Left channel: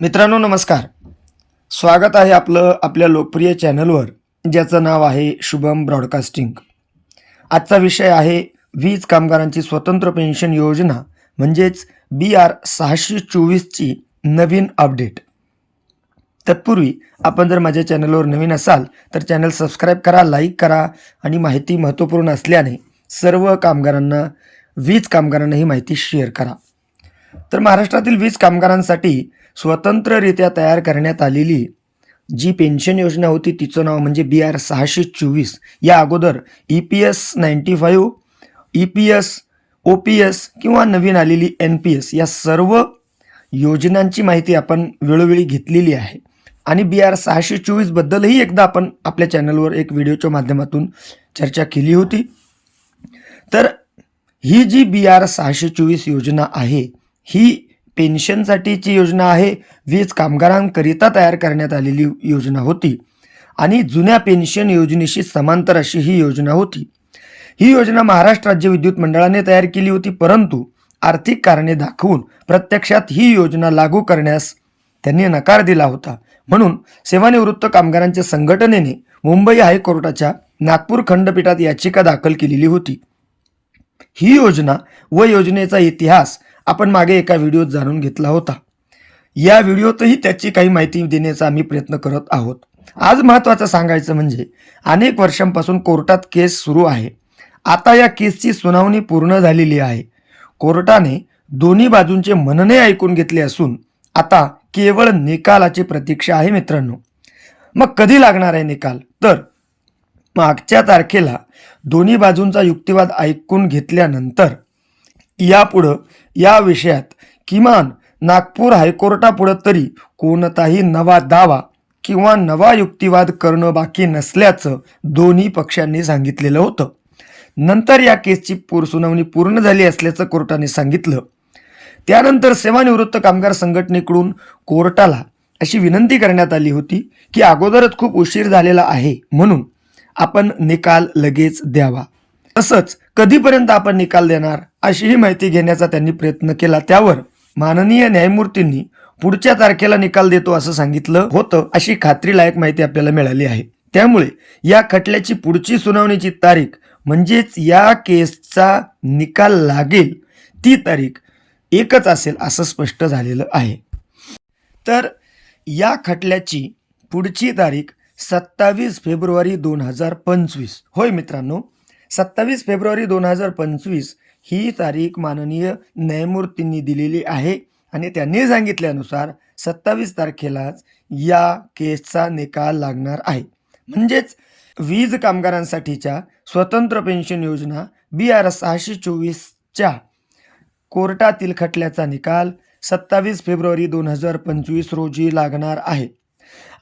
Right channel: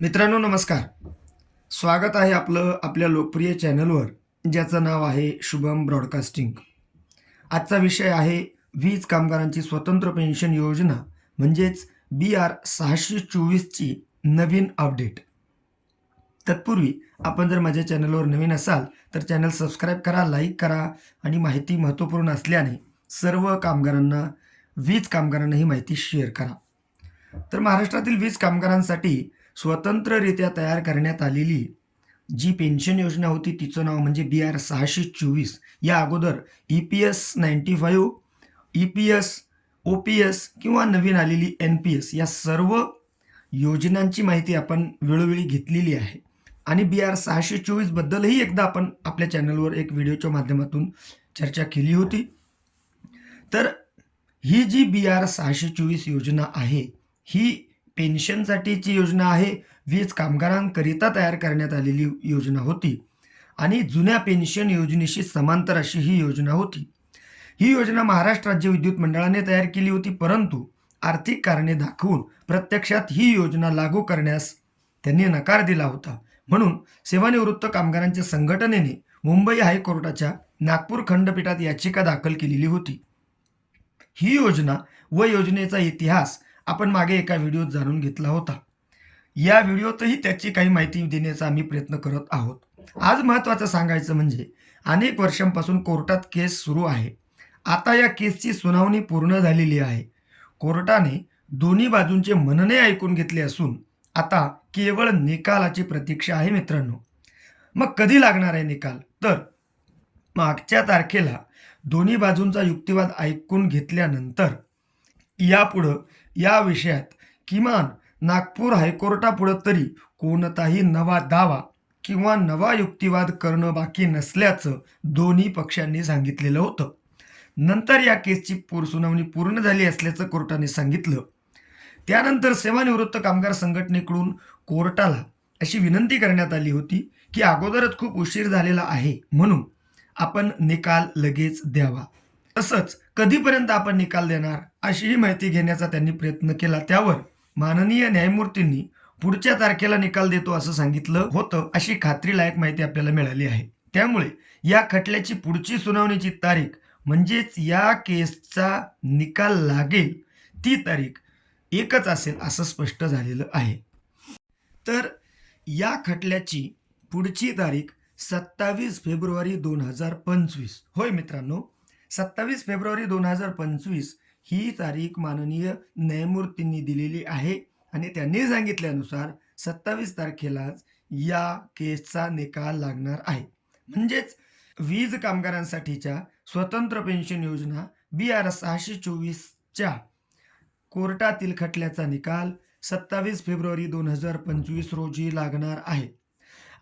मित्रांनो नमस्कार. स्वागत आहे आपलं आपल्या लोकप्रिय चॅनलवर ज्याचं नाव आहे शुभम ब्रॉडकास्टिंग. आजचा विषय आहे वीज कामगारांची स्वतंत्र पेन्शन योजना म्हणजेच बी आर सहाशे चोवीसची नवीन अपडेट. तत्पूर्वी आपण जर माझ्या चॅनलवर नवीन असाल तर चॅनल सबस्क्राईब करा लाईक करा आणि माहिती महत्त्वपूर्ण असल्याने सर्व कामगारांना वीज कामगारांना ही माहिती शेअर करा. तर महाराष्ट्रातील वीज कामगारांसाठी स्वतंत्ररित्या तयार करण्यात आलेली जी पेन्शन योजना होती तिचं नाव म्हणजे बी आर सहाशे चोवीस. या अगोदर E P S ninety five E P S O P S किंवा नवीन आलेली एन पी एस या सर्व योजनांची माहिती आपण वेळोवेळी घेतलेली आहे. आणि बी आर सहाशे चोवीसबद्दलही एकदा आपण आपल्या चॅनलवर एक व्हिडिओच्या माध्यमातून चर्चा केली होती. तर ही जी बी आर सहाशे चोवीस योजना आहे ही पेन्शनसाठीची योजना आहे वीज कामगारांकरिता तयार करण्यात आलेली योजना होती. आणि जुन्या पेन्शन योजनेशी समांतर अशी ही योजना होती. ही योजना महाराष्ट्र राज्य विद्युत मंडळाने तयार केली होती परंतु आर्थिक कारणे दाखवून प्रत्यक्षात ही योजना लागू करण्यास त्यांनी नकार दिला होता. म्हणून सेवानिवृत्त कामगारांच्या संघटनेने मुंबई हायकोर्टाच्या नागपूर खंडपीठात याचिका दाखल केलेली होती. ही योजना व योजनेचा इतिहास आपण मागे एका व्हिडिओत जाणून घेतला होता. या व्हिडिओतही त्याची काही माहिती देण्याचा आम्ही प्रयत्न करत आहोत. आज महत्त्वाचं सांगायचं म्हणजे अनेक वर्षांपासून कोर्टात केस सुरू आहे. आता या केसची सुनावणी पूर्ण झालेली आहे. कोर्टाने दोन्ही बाजूंचे म्हणणे ऐकून घेतले असून आता केवळ निकालाची प्रतीक्षा आहे मित्रांनो. मग कधी लागणार आहे निकाल? तर मागच्या तारखेला दोन्ही बाजूंचा युक्तिवाद ऐकून घेतल्यानंतर यापुढं या विषयात किमान नागपूर हायकोर्टापुढं तरी कोणताही नवा दावा किंवा नवा युक्तिवाद करणं बाकी नसल्याचं दोन्ही पक्षांनी सांगितलेलं होतं. नंतर या केसची पूर सुनावणी पूर्ण झाली असल्याचं कोर्टाने सांगितलं. त्यानंतर सेवानिवृत्त कामगार संघटनेकडून कोर्टाला अशी विनंती करण्यात आली होती की अगोदरच खूप उशीर झालेला आहे म्हणून आपण निकाल लगेच द्यावा. तसंच कधीपर्यंत आपण निकाल देणार अशीही माहिती घेण्याचा त्यांनी प्रयत्न केला. त्यावर माननीय न्यायमूर्तींनी पुढच्या तारखेला निकाल देतो असं सांगितलं होतं अशी खात्रीलायक माहिती आपल्याला मिळाली आहे. त्यामुळे या खटल्याची पुढची सुनावणीची तारीख म्हणजेच या केसचा निकाल लागेल ती तारीख एकच असेल असं स्पष्ट झालेलं आहे. तर या खटल्याची पुढची तारीख सत्तावीस फेब्रुवारी दोन हजार पंचवीस. होय मित्रांनो सत्तावीस फेब्रुवारी दोन हजार पंचवीस ही तारीख माननीय न्यायमूर्तींनी दिलेली आहे. आणि त्यांनी सांगितल्यानुसार सत्तावीस तारखेलाच या केसचा निकाल लागणार आहे. म्हणजेच वीज कामगारांसाठीच्या स्वतंत्र पेन्शन योजना बी आर सहाशे चोवीसच्या कोर्टातील खटल्याचा निकाल सत्तावीस फेब्रुवारी दोन हजार पंचवीस रोजी लागणार आहे.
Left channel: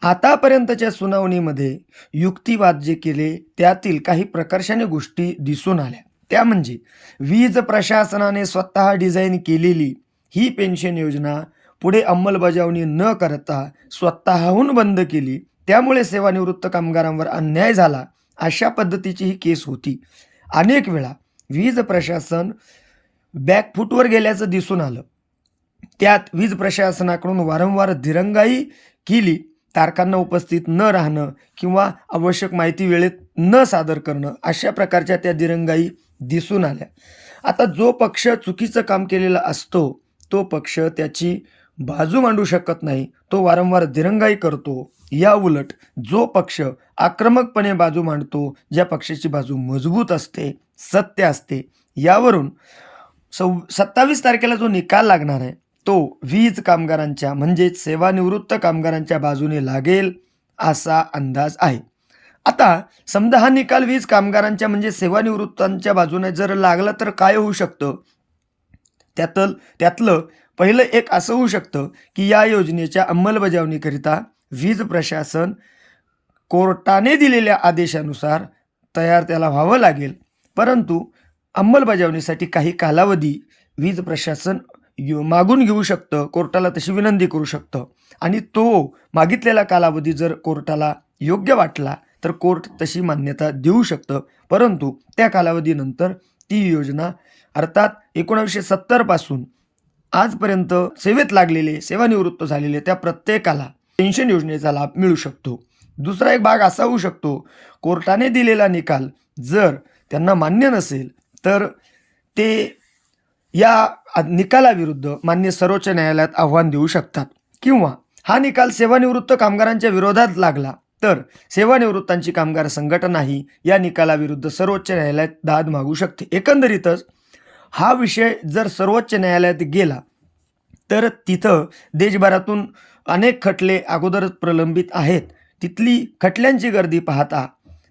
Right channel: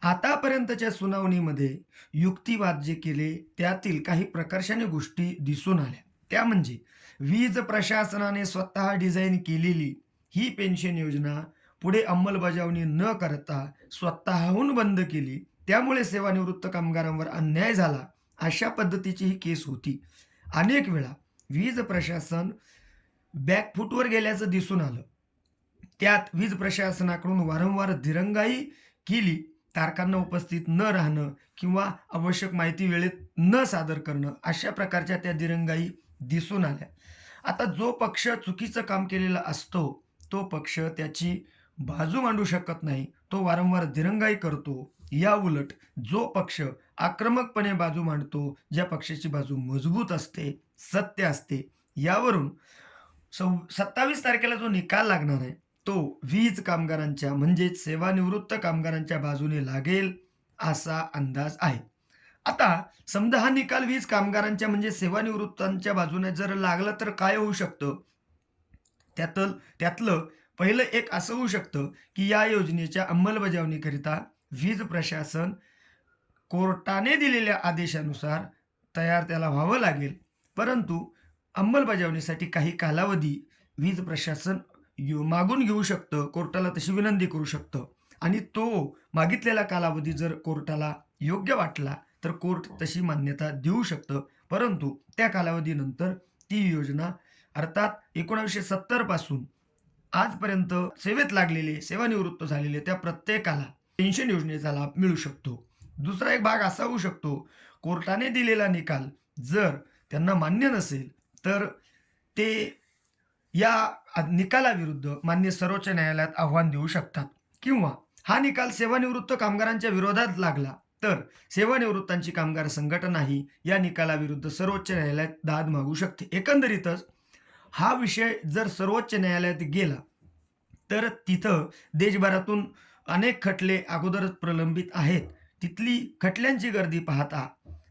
आतापर्यंतच्या सुनावणीमध्ये युक्तिवाद जे केले त्यातील काही प्रकर्षाने गोष्टी दिसून आल्या. त्या म्हणजे वीज प्रशासनाने स्वतः डिझाईन केलेली ही पेन्शन योजना पुढे अंमलबजावणी न करता स्वतःहून बंद केली. त्यामुळे सेवानिवृत्त कामगारांवर अन्याय झाला अशा पद्धतीची ही केस होती. अनेक वेळा वीज प्रशासन बॅकफूटवर गेल्याचं दिसून आलं. त्यात वीज प्रशासनाकडून वारंवार दिरंगाई केली. तारखांना उपस्थित न राहणं किंवा आवश्यक माहिती वेळेत न सादर करणं अशा प्रकारच्या त्या दिरंगाई दिसून आल्या. आता जो पक्ष चुकीचं काम केलेला असतो तो पक्ष त्याची बाजू मांडू शकत नाही तो वारंवार दिरंगाई करतो. या उलट जो पक्ष आक्रमकपणे बाजू मांडतो ज्या पक्षाची बाजू मजबूत असते सत्य असते यावरून सव सत्तावीस तारखेला जो निकाल लागणार आहे तो वीज कामगारांच्या म्हणजेच सेवानिवृत्त कामगारांच्या बाजूने लागेल असा अंदाज आहे. आता समजा हा निकाल वीज कामगारांच्या म्हणजे सेवानिवृत्तांच्या बाजूने जर लागला तर काय होऊ शकतं? त्यातल त्यातलं पहिलं एक असं होऊ शकतं की या योजनेच्या अंमलबजावणीकरिता वीज प्रशासन कोर्टाने दिलेल्या आदेशानुसार तयार त्याला व्हावं लागेल. परंतु अंमलबजावणीसाठी काही कालावधी वीज प्रशासन मागून घेऊ शकतं कोर्टाला तशी विनंती करू शकतं. आणि तो मागितलेला कालावधी जर कोर्टाला योग्य वाटला तर कोर्ट तशी मान्यता देऊ शकतं. परंतु त्या कालावधीनंतर ती योजना अर्थात एकोणावीसशे सत्तरपासून आजपर्यंत सेवेत लागलेले सेवानिवृत्त झालेले त्या प्रत्येकाला पेन्शन योजनेचा लाभ मिळू शकतो. दुसरा एक भाग असा होऊ शकतो कोर्टाने दिलेला निकाल जर त्यांना मान्य नसेल तर ते या निकालाविरुद्ध मान्य सर्वोच्च न्यायालयात आव्हान देऊ शकतात. किंवा हा निकाल सेवानिवृत्त कामगारांच्या विरोधात लागला तर सेवानिवृत्तांची कामगार संघटनाही या निकालाविरुद्ध सर्वोच्च न्यायालयात दाद मागू शकते. एकंदरीतच हा विषय जर सर्वोच्च न्यायालयात गेला तर तिथं देशभरातून अनेक खटले अगोदरच प्रलंबित आहेत. तिथली खटल्यांची गर्दी पाहता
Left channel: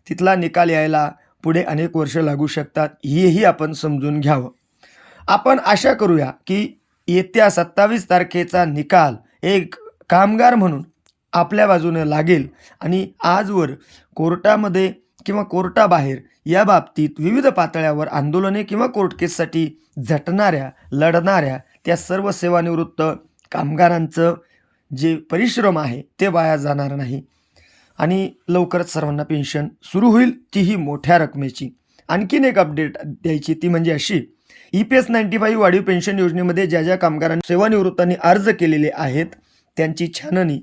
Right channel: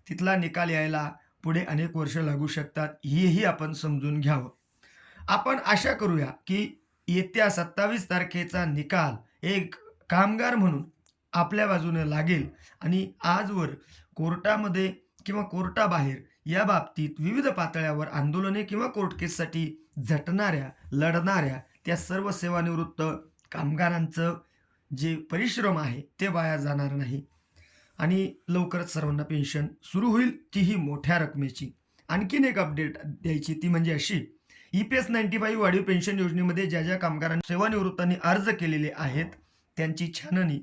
तिथला निकाल यायला पुढे अनेक वर्ष लागू शकतात हेही आपण समजून घ्यावं. आपण आशा करूया की येत्या सत्तावीस तारखेचा निकाल एक कामगार म्हणून आपल्या बाजूने लागेल आणि आजवर कोर्टामध्ये किंवा कोर्टाबाहेर या बाबतीत विविध पातळ्यावर आंदोलने किंवा कोर्ट केससाठी झटणाऱ्या लढणाऱ्या त्या सर्व सेवानिवृत्त कामगारांचं जे परिश्रम आहे ते वाया जाणार नाही. आणि लवकरच सर्वांना पेन्शन सुरू होईल तीही मोठ्या रकमेची. आणखीन एक अपडेट द्यायची ती म्हणजे अशी E P S ninety five वाढीव पेन्शन योजनेमध्ये ज्या ज्या कामगारांनी सेवानिवृत्तांनी अर्ज केलेले आहेत त्यांची छाननी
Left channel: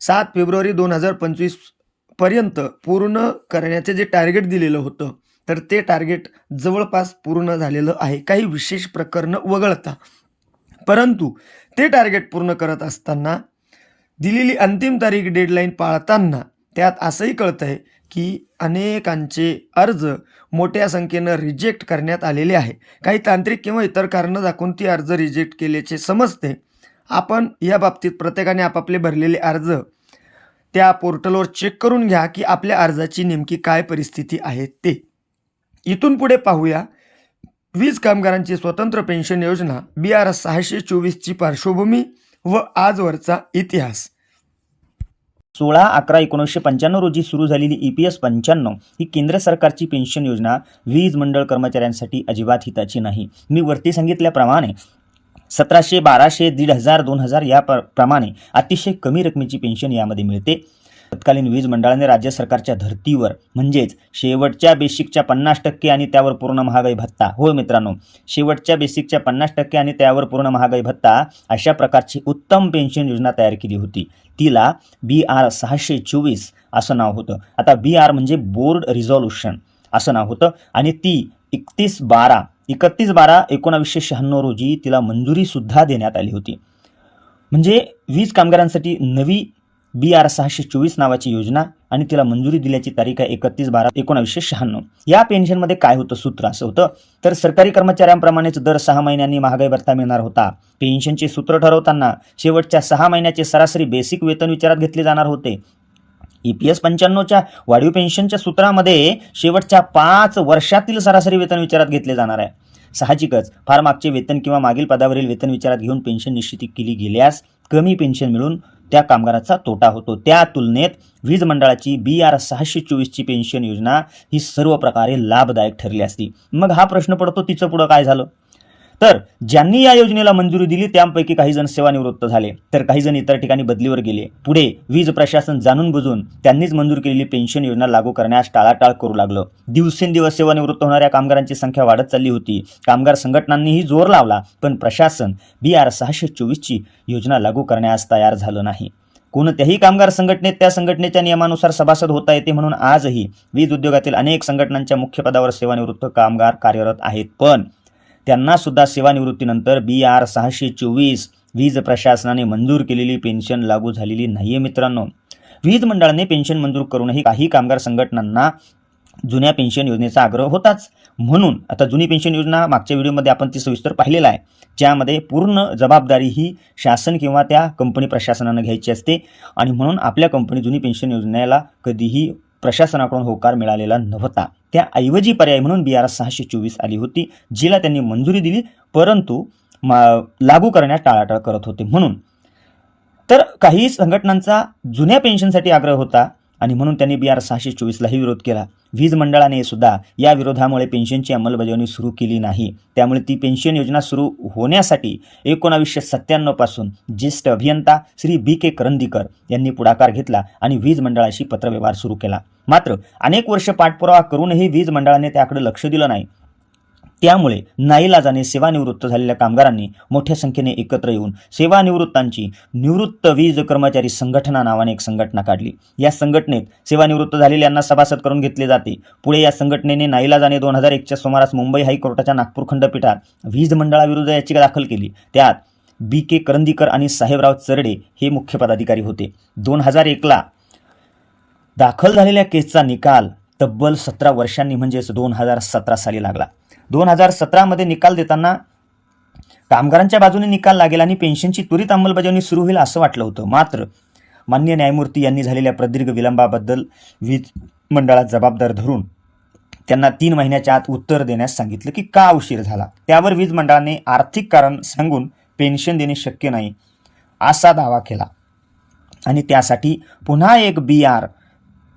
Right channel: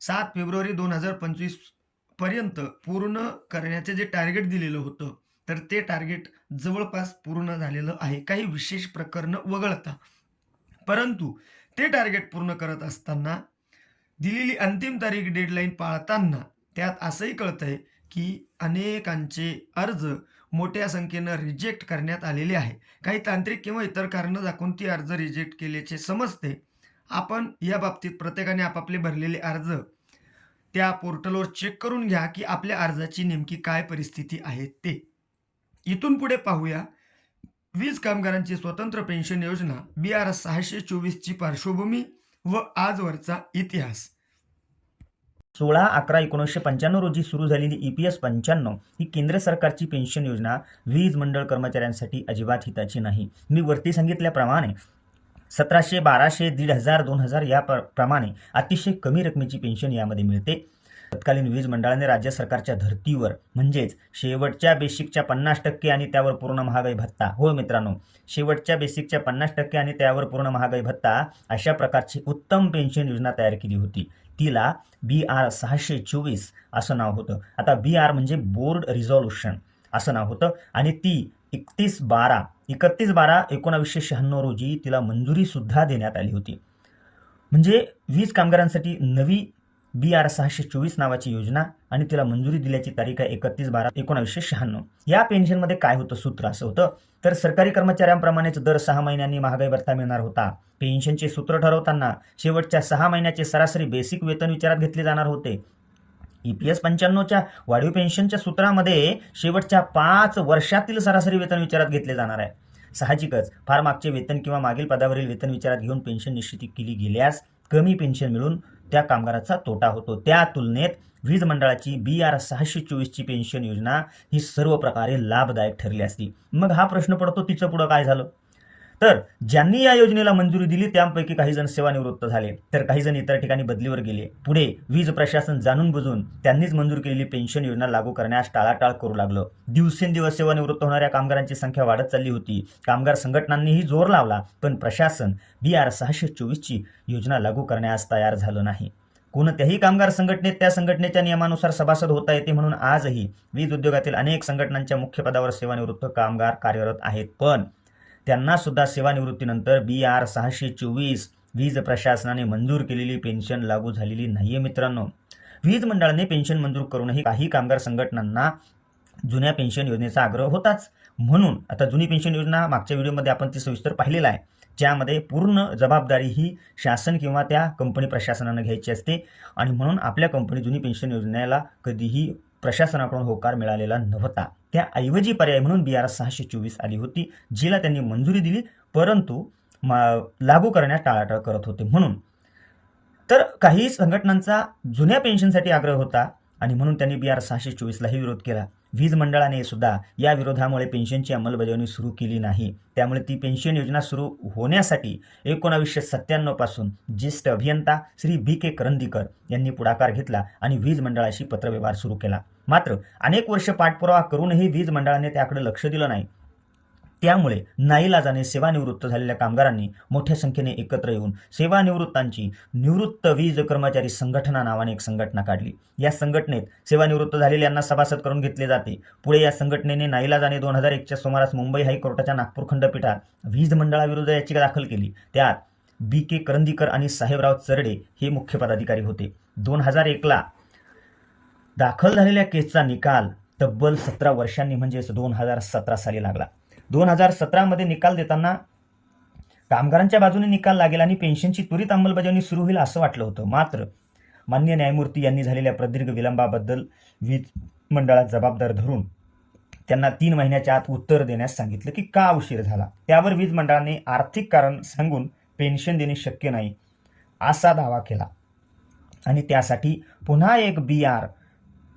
सात फेब्रुवारी दोन हजार पंचवीसपर्यंत पूर्ण करण्याचे जे टार्गेट दिलेलं होतं तर ते टार्गेट जवळपास पूर्ण झालेलं आहे. काही विशेष प्रकरणं वगळता. परंतु ते टार्गेट पूर्ण करत असताना दिलेली अंतिम तारीख डेडलाईन पाळताना त्यात असंही कळतं आहे की अनेकांचे अर्ज मोठ्या संख्येनं रिजेक्ट करण्यात आलेले आहे. काही तांत्रिक किंवा इतर कारणं दाखवून ती अर्ज रिजेक्ट केल्याचे समजते. आपण या बाबतीत प्रत्येकाने आपापले भरलेले अर्ज त्या पोर्टलवर चेक करून घ्या की आपल्या अर्जाची नेमकी काय परिस्थिती आहे ते. इथून पुढे पाहूया. वीज कामगारांची स्वतंत्र पेन्शन योजना बी आर सहाशे चोवीसची पार्श्वभूमी व आजवरचा इतिहास. सोळा अकरा एकोणीसशे पंच्याण्णव रोजी सुरू झालेली ई पी एस पंच्याण्णव ही केंद्र सरकारची पेन्शन योजना. वीज मंडळ कर्मचाऱ्यांसाठी अजिबात हिताची नाही. मी वरती सांगितल्याप्रमाणे सतराशे बाराशे दीड हजार दोन हजार या प्र- प्रमाणे अतिशय कमी रकमेची पेन्शन यामध्ये मिळते. तत्कालीन वीज मंडळाने राज्य सरकारच्या धर्तीवर म्हणजेच शेवटच्या बेसिकच्या पन्नास टक्के आणि त्यावर पूर्ण महागाई भत्ता. हो मित्रांनो शेवटच्या बेसिकच्या पन्नास टक्के आणि त्यावर पूर्ण महागाई भत्ता अशा प्रकारची उत्तम पेन्शन योजना तयार केली होती. तिला बी आर सहाशे चोवीस असं नाव होतं. आता बी आर म्हणजे बोर्ड रिझॉल्युशन असं नाव होतं आणि ती एकतीस बारा एकतीस बारा एकोणावीसशे शहाण्णव रोजी तिला मंजुरीसुद्धा देण्यात आली होती. म्हणजे वीज कामगारांसाठी नवी बी आर सहाशे चोवीस नावाची योजना आणि तिला मंजुरी दिल्याची तारीख आहे एकतीस बारा एकोणावीसशे शहाण्णव. या पेन्शनमध्ये काय होतं? सूत्र असं होतं. तर सरकारी कर्मचाऱ्यांप्रमाणेच दर सहा महिन्यांनी महागाई भत्ता मिळणार होता. पेन्शनचे सूत्र ठरवताना शेवटच्या सहा महिन्याचे सरासरी बेसिक वेतन विचारात घेतले जाणार होते. ई पी एस पंच्याण्णवच्या वाढीव पेन्शनच्या सूत्रामध्ये शेवटच्या पाच वर्षातील सरासरी वेतन विचारात घेतले जाणार आहे. साहजिकच फार मागचे वेतन किंवा मागील पदावरील वेतन विचारात घेऊन पेन्शन निश्चिती केली गेल्यास कमी पेन्शन मिळून त्या कामगाराचा तोटा होतो. त्या तुलनेत वीज मंडळाची बी आर सहाशे चोवीसची पेन्शन योजना ही सर्व प्रकारे लाभदायक ठरली असती. मग हा प्रश्न पडतो तिचं पुढं काय झालं? तर ज्यांनी या योजनेला मंजुरी दिली त्यापैकी काही जण सेवानिवृत्त झाले. तर काही जण इतर ठिकाणी बदलीवर गेले. पुढे वीज प्रशासन जाणून बुजून त्यांनीच मंजूर केलेली पेन्शन योजना लागू करण्यास टाळाटाळ करू लागलं. दिवसेंदिवस सेवानिवृत्त होणाऱ्या कामगारांची संख्या वाढत चालली होती. कामगार संघटनांनीही जोर लावला पण प्रशासन बी आर सहाशे चोवीसची योजना लागू करण्यास तयार झालं नाही. कोणत्याही कामगार संघटनेत त्या संघटनेच्या नियमानुसार सभासद होता येते म्हणून आजही वीज उद्योगातील अनेक संघटनांच्या मुख्य पदावर सेवानिवृत्त कामगार कार्यरत आहेत. पण त्यांनासुद्धा सेवानिवृत्तीनंतर बी आर सहाशे चोवीस वीज प्रशासनाने मंजूर केलेली पेन्शन लागू झालेली नाही आहे मित्रांनो. वीज मंडळाने पेन्शन मंजूर करूनही काही कामगार संघटनांना जुन्या पेन्शन योजनेचा आग्रह होताच. म्हणून आता जुनी पेन्शन योजना मागच्या व्हिडिओमध्ये आपण ती सविस्तर पाहिलेला आहे. ज्यामध्ये पूर्ण जबाबदारी ही शासन किंवा त्या कंपनी प्रशासनानं घ्यायची असते आणि म्हणून आपल्या कंपनी जुनी पेन्शन योजनेला कधीही प्रशासनाकडून होकार मिळालेला नव्हता. त्याऐवजी पर्याय म्हणून बी आर सहाशे चोवीस आली होती जिला त्यांनी मंजुरी दिली परंतु मा लागू करण्यास टाळाटाळ करत होते म्हणून. तर काही संघटनांचा जुन्या पेन्शनसाठी आग्रह होता आणि म्हणून त्यांनी बी आर सहाशे चोवीसलाही विरोध केला. वीज मंडळाने सुद्धा या विरोधामुळे पेन्शनची अंमलबजावणी सुरू केली नाही. त्यामुळे ती पेन्शन योजना सुरू होण्यासाठी एकोणावीसशे सत्त्याण्णवपासून ज्येष्ठ अभियंता श्री बी के करंदीकर यांनी पुढाकार घेतला आणि वीज मंडळाशी पत्रव्यवहार सुरू केला. मात्र अनेक वर्ष पाठपुरावा करूनही वीज मंडळाने त्याकडे लक्ष दिलं नाही. त्यामुळे नाईलाजाने सेवानिवृत्त झालेल्या कामगारांनी मोठ्या संख्येने एकत्र येऊन सेवानिवृत्तांची निवृत्त वीज कर्मचारी संघटना नावाने एक संघटना काढली. या संघटनेत सेवानिवृत्त झालेल्यांना सभासद करून घेतले जाते. पुढे या संघटनेने नाईलाजाने दोन हजार एकच्या सुमारास मुंबई हायकोर्टाच्या नागपूर खंडपीठात वीज मंडळाविरुद्ध याचिका दाखल केली. त्यात बी के करंदीकर आणि साहेबराव चरडे हे मुख्य पदाधिकारी होते. दोन हजार एकला दाखल झालेल्या केसचा निकाल तब्बल सतरा वर्षांनी म्हणजेच दोन हजार सतरा साली लागला. दोन हजार सतरामध्ये निकाल देताना कामगारांच्या बाजूने निकाल लागेल आणि पेन्शनची त्वरित अंमलबजावणी सुरू होईल असं वाटलं होतं. मात्र मान्य न्यायमूर्ती यांनी झालेल्या प्रदीर्घ विलंबाबद्दल वीज मंडळात जबाबदार धरून त्यांना तीन महिन्याच्या आत उत्तर देण्यास सांगितलं की का उशीर झाला. त्यावर वीज मंडळाने आर्थिक कारण सांगून पेन्शन देणे शक्य नाही असा दावा केला. आणि त्यासाठी पुन्हा एक बी आर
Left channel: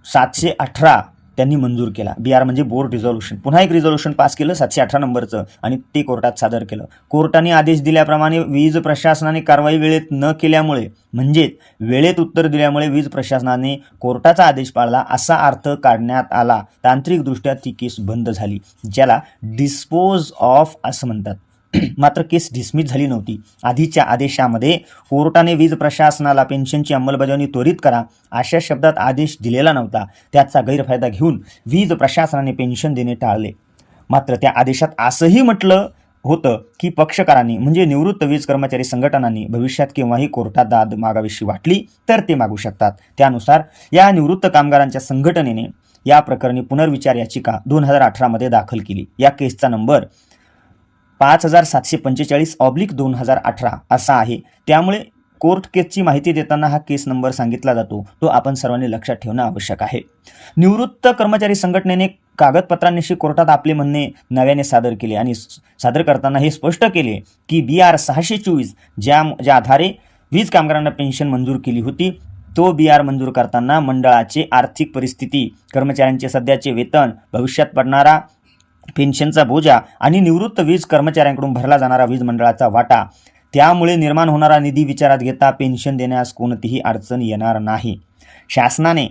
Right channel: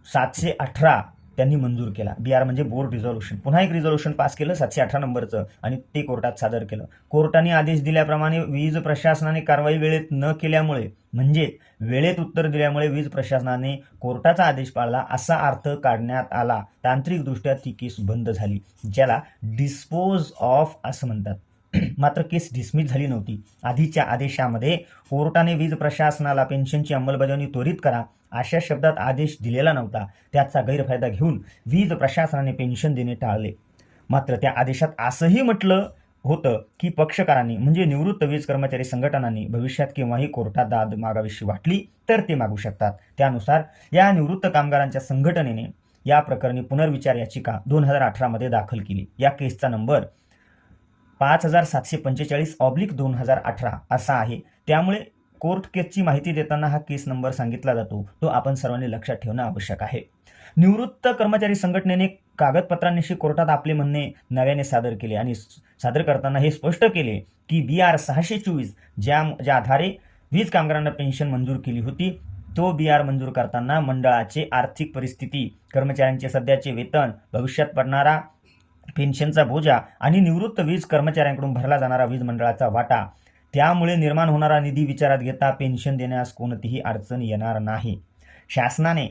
सातशे अठरा त्यांनी मंजूर केला. बी आर म्हणजे बोर्ड रिझॉल्युशन पुन्हा एक रिझॉल्युशन पास केलं सातशे अठरा नंबरचं. आणि ते कोर्टात सादर केलं. कोर्टाने आदेश दिल्याप्रमाणे वीज प्रशासनाने कारवाई वेळेत न केल्यामुळे म्हणजेच वेळेत उत्तर दिल्यामुळे वीज प्रशासनाने कोर्टाचा आदेश पाळला असा अर्थ काढण्यात आला. तांत्रिकदृष्ट्या ती केस बंद झाली ज्याला डिस्पोज ऑफ असं म्हणतात. मात्र केस डिसमिस झाली नव्हती. आधीच्या आदेशामध्ये कोर्टाने वीज प्रशासनाला पेन्शनची अंमलबजावणी त्वरित करा अशा शब्दात आदेश दिलेला नव्हता. त्याचा गैरफायदा घेऊन वीज प्रशासनाने पेन्शन देणे टाळले. मात्र त्या आदेशात असंही म्हटलं होतं की पक्षकारांनी म्हणजे निवृत्त वीज कर्मचारी संघटनांनी भविष्यात केव्हाही कोर्टात दाद मागावीशी वाटली तर ते मागू शकतात. त्यानुसार या निवृत्त कामगारांच्या संघटनेने या प्रकरणी पुनर्विचार याचिका दोन हजार अठरामध्ये दाखल केली. या केसचा नंबर पाच हजार सातशे पंचेचाळीस ऑब्लिक दोन हजार अठरा असा आहे. त्यामुळे कोर्ट केसची माहिती देताना हा केस नंबर सांगितला जातो. तो आपण सर्वांनी लक्षात ठेवणं आवश्यक आहे. निवृत्त कर्मचारी संघटनेने कागदपत्रांनिशी कोर्टात आपले म्हणणे नव्याने सादर केले आणि सादर करताना हे स्पष्ट केले की बी आर सहाशे चोवीस ज्या ज्या आधारे वीज कामगारांना पेन्शन मंजूर केली होती तो बी आर मंजूर करताना मंडळाची आर्थिक परिस्थिती कर्मचाऱ्यांचे सध्याचे वेतन भविष्यात पडणारा पेन्शनचा बोजा आणि निवृत्त वीज कर्मचाऱ्यांकडून भरला जाणारा वीज मंडळाचा वाटा. त्यामुळे निर्माण होणारा निधी विचारात घेता पेन्शन देण्यास कोणतीही अडचण येणार नाही. शासनाने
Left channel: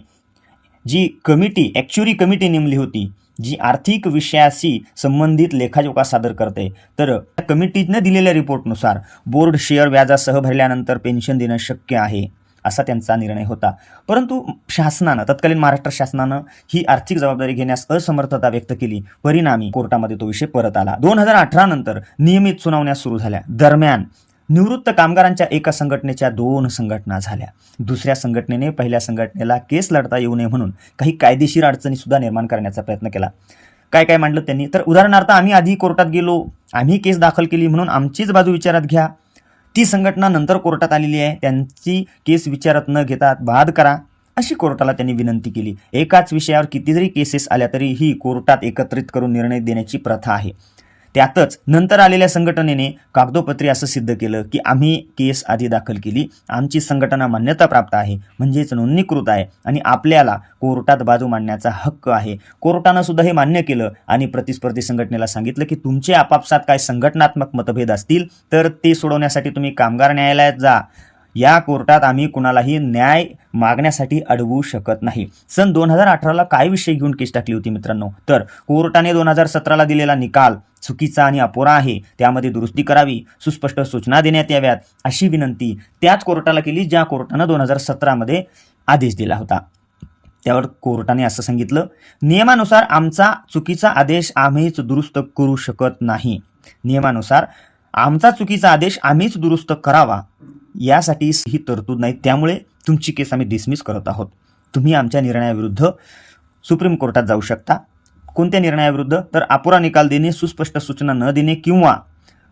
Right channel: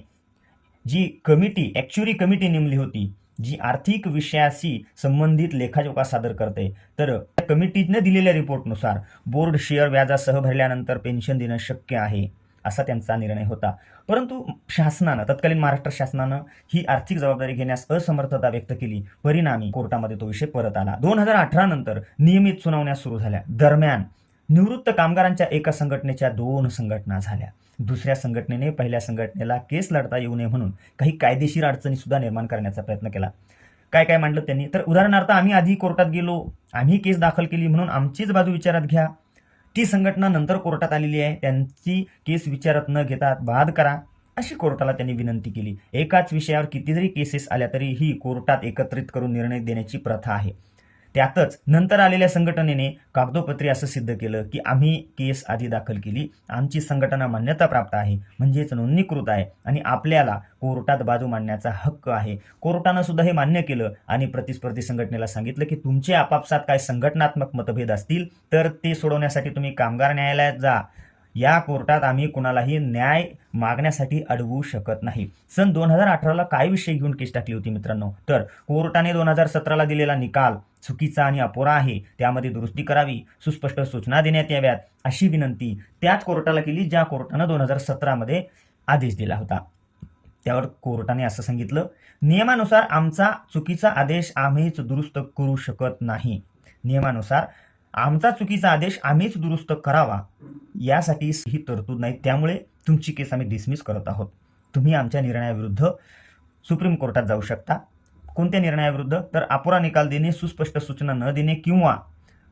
जी कमिटी ॲक्च्युरी कमिटी नेमली होती जी आर्थिक विषयाशी संबंधित लेखाजोखा सादर करते तर त्या कमिटीनं दिलेल्या रिपोर्टनुसार बोर्ड शेअर व्याजासह भरल्यानंतर पेन्शन देणं शक्य आहे. असा त्यांचा निर्णय होता. परंतु शासनानं तत्कालीन महाराष्ट्र शासनानं ही आर्थिक जबाबदारी घेण्यास असमर्थता व्यक्त केली. परिणामी कोर्टामध्ये तो विषय परत आला. दोन हजार अठरा नंतर नियमित सुनावण्या सुरू झाल्या. दरम्यान निवृत्त कामगारांच्या एका संघटनेच्या दोन संघटना झाल्या. दुसऱ्या संघटनेने पहिल्या संघटनेला केस लढता येऊ नये म्हणून काही कायदेशीर अडचणी सुद्धा निर्माण करण्याचा प्रयत्न केला. काय काय मांडलं त्यांनी? तर उदाहरणार्थ आम्ही आधी कोर्टात गेलो. आम्ही केस दाखल केली म्हणून आमचीच बाजू विचारात घ्या. ती संघटना नंतर कोर्टात आलेली आहे. त्यांची केस विचारात न घेता बाद करा अशी कोर्टाला त्यांनी विनंती केली. एकाच विषयावर किती जरी केसेस आल्या तरी ही कोर्टात एकत्रित करून निर्णय देण्याची प्रथा आहे. त्यातच नंतर आलेल्या संघटनेने कागदोपत्री असं सिद्ध केलं की आम्ही केस आधी दाखल केली. आमची संघटना मान्यता प्राप्त आहे. म्हणजेच नोंदणीकृत आहे आणि आपल्याला कोर्टात बाजू मांडण्याचा हक्क आहे. कोर्टानं सुद्धा हे मान्य केलं आणि प्रतिस्पर्धी संघटनेला सांगितलं की तुमचे आपापसात काय संघटनात्मक मतभेद असतील तर ते सोडवण्यासाठी तुम्ही कामगार न्यायालयात जा. या कोर्टात आम्ही कुणालाही न्याय मागण्यासाठी अडवू शकत नाही. सन दोन हजार अठराला काय विषय घेऊन केस टाकली होती मित्रांनो? तर कोर्टाने दोन हजार सतराला दिलेला निकाल चुकीचा आणि अपुरा आहे त्यामध्ये दुरुस्ती करावी सुस्पष्ट सूचना देण्यात याव्यात अशी विनंती त्याच कोर्टाला केली ज्या कोर्टानं दोन हजार सतरामध्ये आदेश दिला होता. त्यावर कोर्टाने असं सांगितलं नियमानुसार आमचा चुकीचा आदेश आम्हीच दुरुस्त करू शकत नाही. नियमानुसार आमचा चुकीचा आदेश आम्हीच दुरुस्त करावा. यासाठी ही तरतूद नाही त्यामुळे तुमची केस आम्ही डिसमिस करत आहोत. तुम्ही आमच्या निर्णयाविरुद्ध सुप्रीम कोर्टात जाऊ शकता. कोणत्या निर्णयाविरुद्ध? तर अपुरा निकाल देणे सुस्पष्ट सूचना न देणे किंवा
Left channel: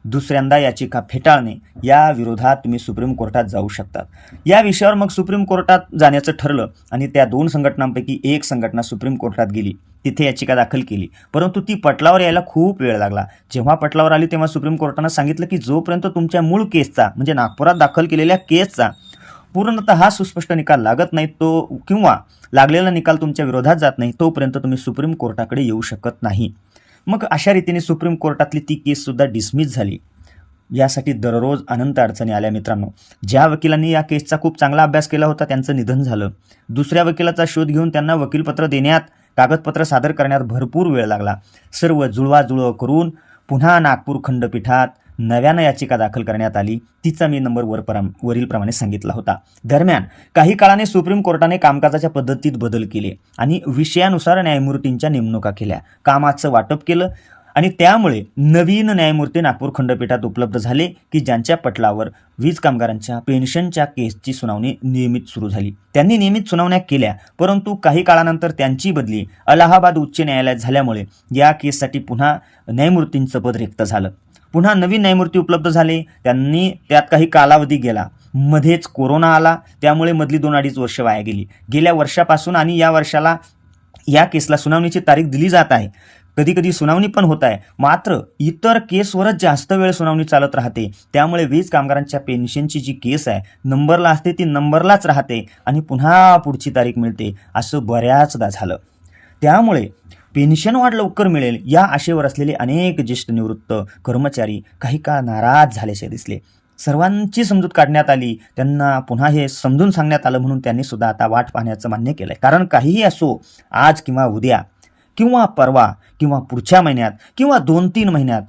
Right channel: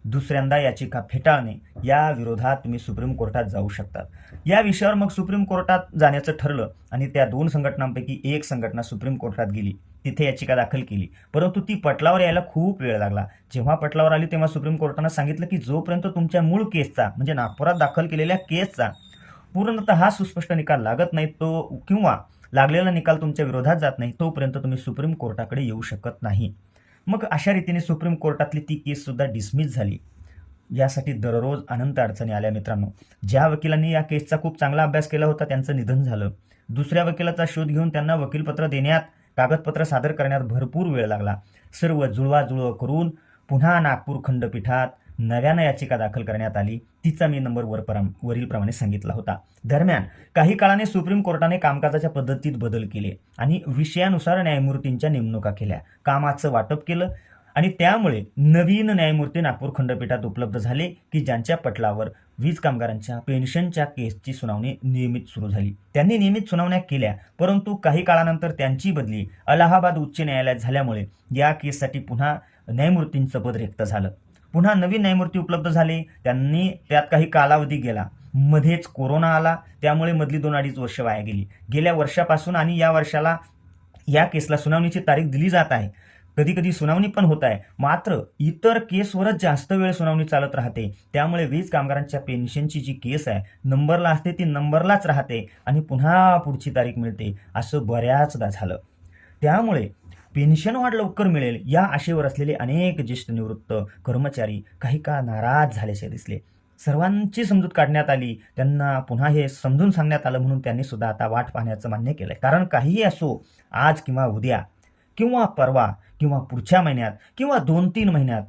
दुसऱ्यांदा याचिका फेटाळणे या विरोधात तुम्ही सुप्रीम कोर्टात जाऊ शकतात या विषयावर मग सुप्रीम कोर्टात जाण्याचं ठरलं आणि त्या दोन संघटनांपैकी एक संघटना सुप्रीम कोर्टात गेली. तिथे याचिका दाखल केली. परंतु ती पटलावर यायला खूप वेळ लागला. जेव्हा पटलावर आली तेव्हा सुप्रीम कोर्टानं सांगितलं की जोपर्यंत तुमच्या मूळ केसचा म्हणजे नागपुरात दाखल केलेल्या केसचा पूर्णतः हा सुस्पष्ट निकाल लागत नाही तो किंवा लागलेला निकाल तुमच्या विरोधात जात नाही तोपर्यंत तुम्ही सुप्रीम कोर्टाकडे येऊ शकत नाही. मग अशा रीतीने सुप्रीम कोर्टातली ती केससुद्धा डिसमिस झाली. यासाठी दररोज अनंत अडचणी आल्या मित्रांनो. ज्या वकिलांनी या केसचा खूप चांगला अभ्यास केला होता त्यांचं निधन झालं. दुसऱ्या वकिलाचा शोध घेऊन त्यांना वकीलपत्र देण्यात कागदपत्र सादर करण्यात भरपूर वेळ लागला. सर्व जुळवाजुळव करून पुन्हा नागपूर खंडपीठात नव्यानं याचिका दाखल करण्यात आली तिचा मी नंबर वर वरीलप्रमाणे सांगितला होता. दरम्यान काही काळाने सुप्रीम कोर्टाने कामकाजाच्या पद्धतीत बदल केले आणि विषयानुसार न्यायमूर्तींच्या नेमणुका केल्या. कामाचं वाटप केलं आणि त्यामुळे नवीन न्यायमूर्ती नागपूर खंडपीठात उपलब्ध झाले की ज्यांच्या पटलावर वीज कामगारांच्या पेन्शनच्या केसची सुनावणी नियमित सुरू झाली. त्यांनी नियमित सुनावण्या केल्या परंतु काही काळानंतर त्यांची बदली अलाहाबाद उच्च न्यायालयात झाल्यामुळे या केससाठी पुन्हा न्यायमूर्तींचं पद रिक्त झालं. पुन्हा नवीन न्यायमूर्ती उपलब्ध झाले. त्यांनी त्यात काही कालावधी गेला. मध्येच कोरोना आला. त्यामुळे मधली दोन अडीच वर्ष वाया गेली. गेल्या वर्षापासून आणि या वर्षाला या केसला सुनावणीची तारीख दिली जात आहे. कधी कधी सुनावणी पण होत आहे. मात्र इतर केसवरच जास्त वेळ सुनावणी चालत राहते. त्यामुळे वीज कामगारांच्या पेन्शनची जी केस आहे नंबरला असते ती नंबरलाच राहते आणि पुन्हा पुढची तारीख मिळते असं बऱ्याचदा झालं. त्यामुळे पेन्शन वाढ लवकर मिळेल या आशेवर असलेले अनेक ज्येष्ठ निवृत्त कर्मचारी काही काळ नाराज झाल्याचे दिसले. सर्वांची समजूत काढण्यात आली. त्यांना पुन्हा हे समजून सांगण्यात आलं म्हणून त्यांनी सुद्धा आता वाट पाहण्याचं मान्य केलंय. कारण काहीही असो आज किंवा उद्या किंवा परवा किंवा पुढच्या महिन्यात किंवा दोन तीन महिन्यात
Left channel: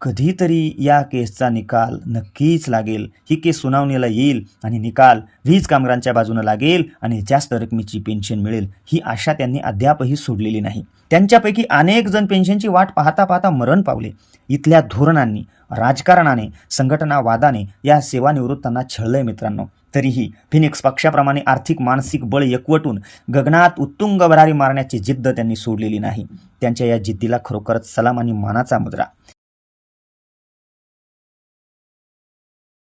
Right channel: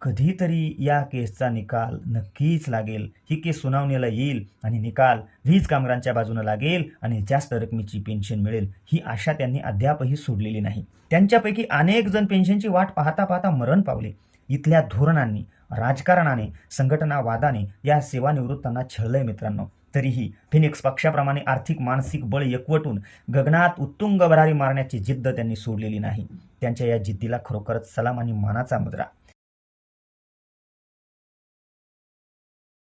कधीतरी या केसचा निकाल नक्कीच लागेल. ही केस सुनावणीला येईल आणि निकाल वीज कामगारांच्या बाजूने लागेल आणि जास्त रकमेची पेन्शन मिळेल ही आशा त्यांनी अद्यापही सोडलेली नाही. त्यांच्यापैकी अनेक जण पेन्शनची वाट पाहता पाहता मरण पावले. इथल्या धोरणांनी राजकारणाने संघटनावादाने या सेवानिवृत्तांना छळलंय मित्रांनो. तरीही फिनिक्स पक्षाप्रमाणे आर्थिक मानसिक बळ एकवटून गगनात उत्तुंग भरारी मारण्याची जिद्द त्यांनी सोडलेली नाही. त्यांच्या या जिद्दीला खरोखरच सलाम आणि मानाचा मुद्रा.